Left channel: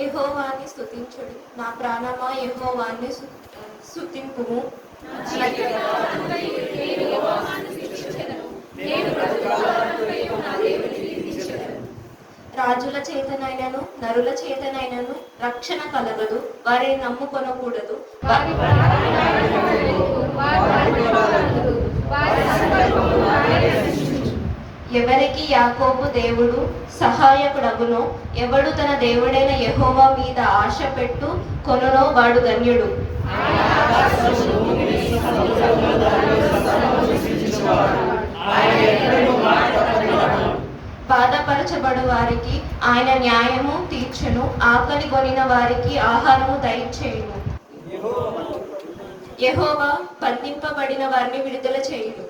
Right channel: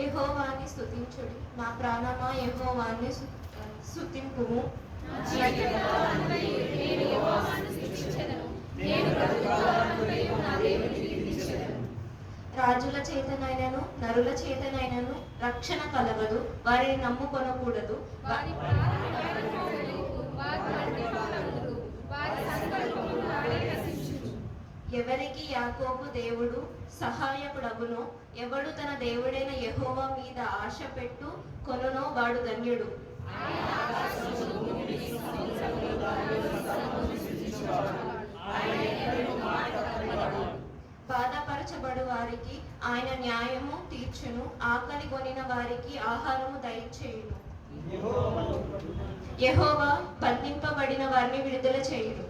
యెహోవాని స్తుతించుడి, నా ప్రాణమా యెహోవాని స్తుతింపుము. రాజుల చేతనైనను నరుల చేతనైనను రక్షణ కలగదు, వారిని నమ్ముకొనకూడదు. ఎవరికి యాకోబు దేవుడు సహాయకుడగునో, ఎవడు తన దేవుడైన యెహోవా మీద ఆశ పెట్టు కొనునో వాడు ధన్యుడు. బాధపరచబడు వారికి ఆయన న్యాయము తీర్చును, ఆకలి కొనిన వారికి ఆహారము దయచేయును. యెహోవా బంధింపబడిన వారిని విడుదల చేయును.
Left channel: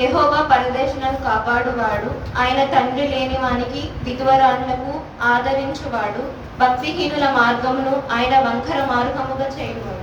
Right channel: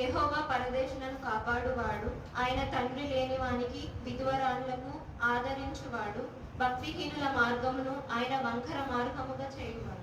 యెహోవా పరదేశులను కాపాడువాడు, ఆయన తండ్రి లేని వానికి విధవరాళ్లకు ఆదరించువాడు. భక్తిహీనుల మార్గమును ఆయన వంకర మార్గముగా చేయువాడు.